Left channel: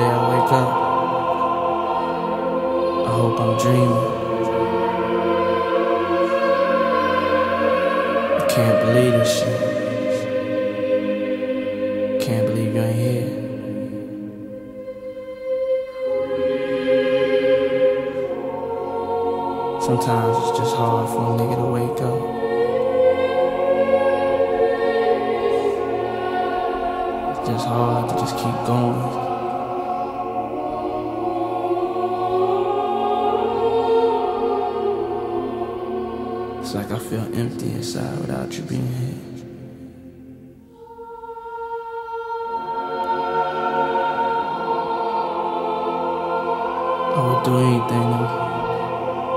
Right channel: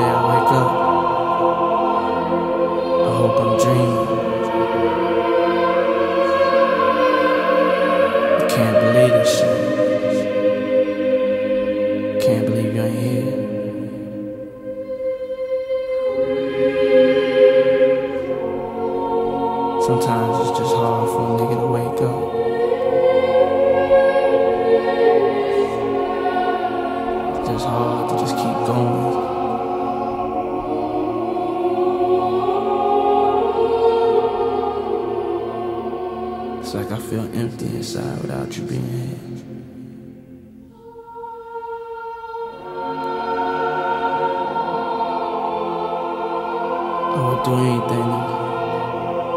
day I wake up, I hope I'm dreaming. I can't believe this shit. Can't believe you ain't here. Sometimes it's just hard for a nigga to wake up. It's just hard to just keep going. It's like I feel empty inside without you being here. I would do anything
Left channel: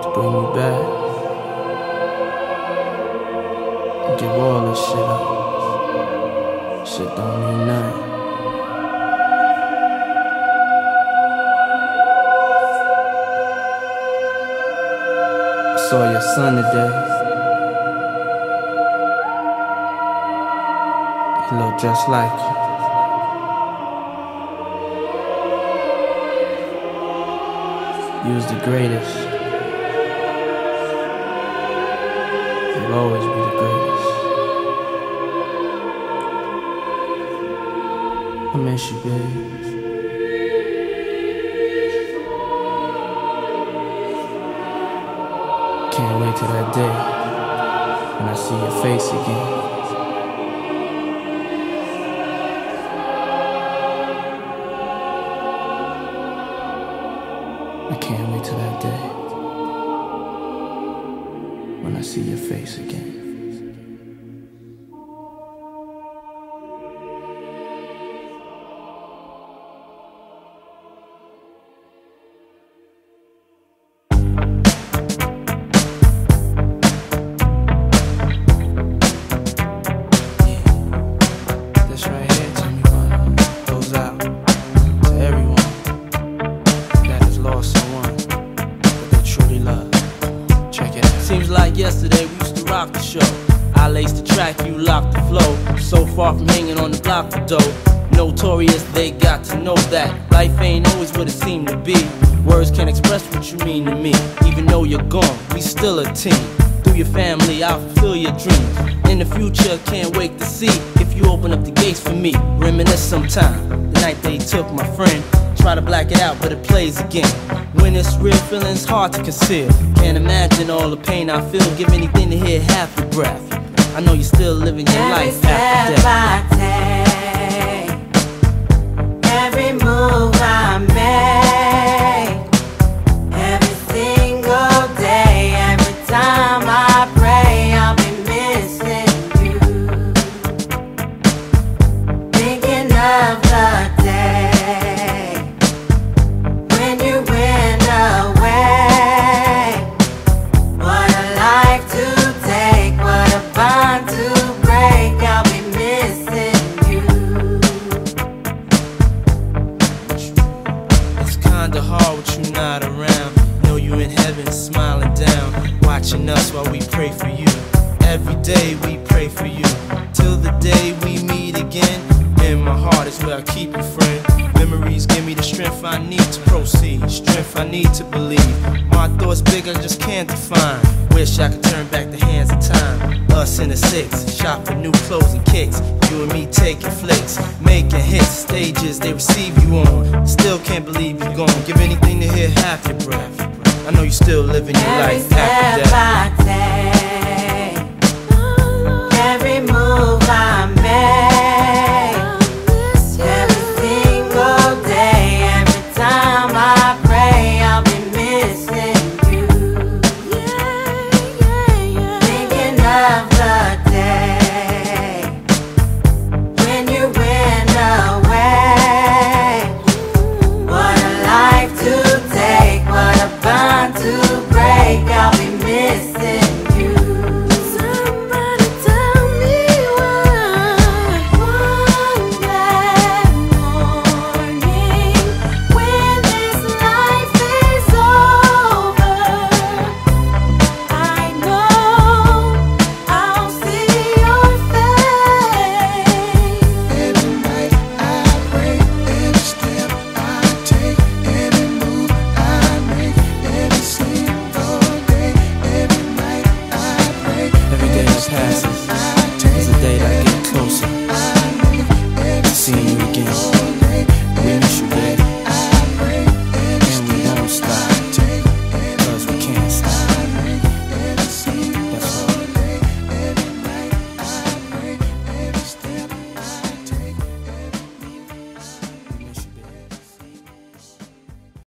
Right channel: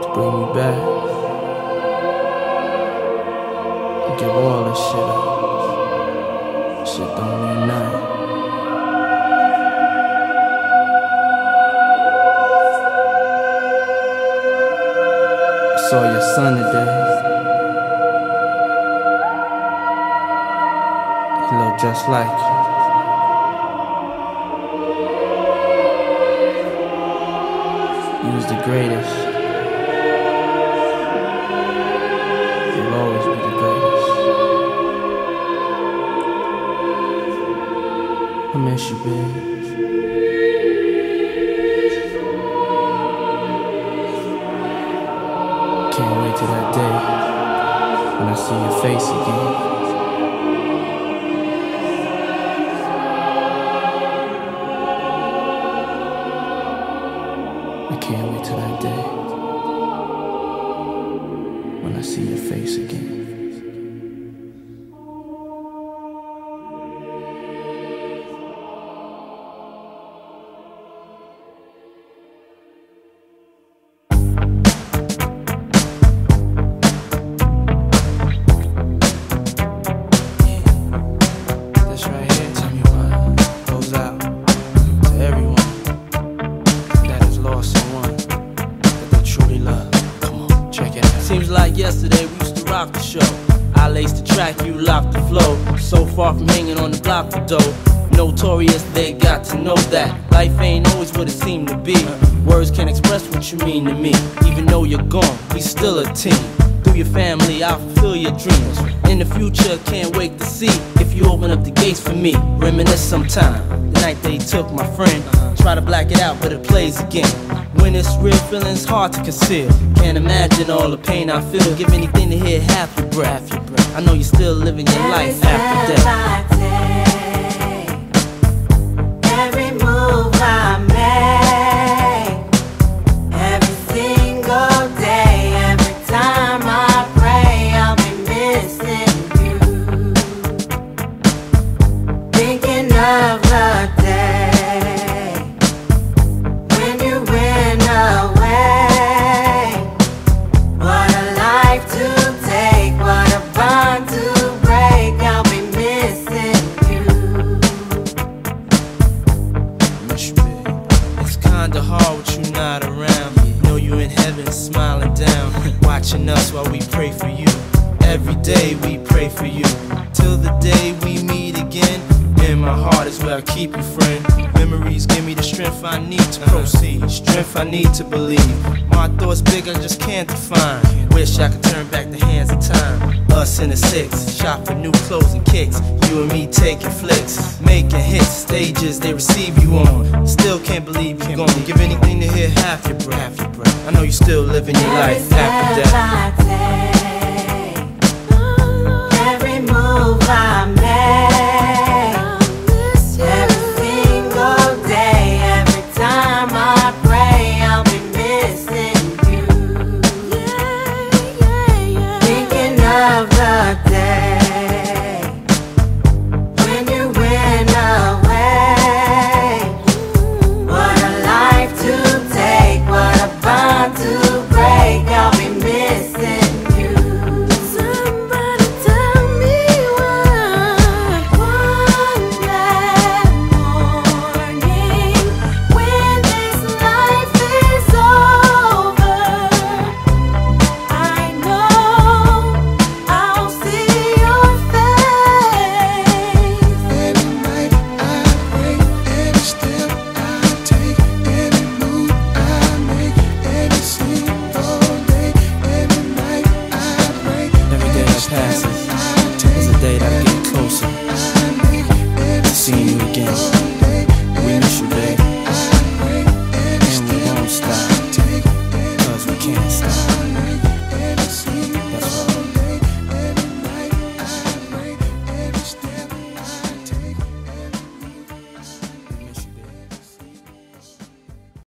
to bring you back and give all this shit up. Shit don't mean nothing. I saw your son today. He looked just like you. You was the greatest. You'll always be the greatest. I miss you, babe. Can't wait till that day when I see your face again. I can't wait till that day when I see your face again. This right here, tell me why, goes out to everyone that has lost someone that they truly love. Come on, check it out. Seems like yesterday we used to rock the show. I laced the track, you locked the flow. So far from hanging on the block for dough. Notorious, they got to know that life ain't always what it seemed to be. Words can't express what you mean to me. Even though you're gone, we still a team. Through your family, I'll fulfill your dreams. In the future, can't wait to see if you open up the gates for me. Reminisce sometime, the night they took my friend. Try to black it out, but it plays again. When it's real, feeling's hard to conceal. Can't imagine all the pain I feel. Give anything to hear half your breath. I know you're still living your life after death. Kinda hard with you not around. Know you in heaven smiling down, watching us while we pray for you. Every day we pray for you, till the day we meet again. In my heart is where I keep you, friend. Memories give me the strength I need to proceed, strength I need to believe. My thoughts big, I just can't define. Wish I could turn back the hands of time. Us in the six, shop for new clothes and kicks. You and me taking flicks, making hits, stages they receive you on. Still can't believe you're gone. Give anything to hear half your breath. I know you still living your life after death.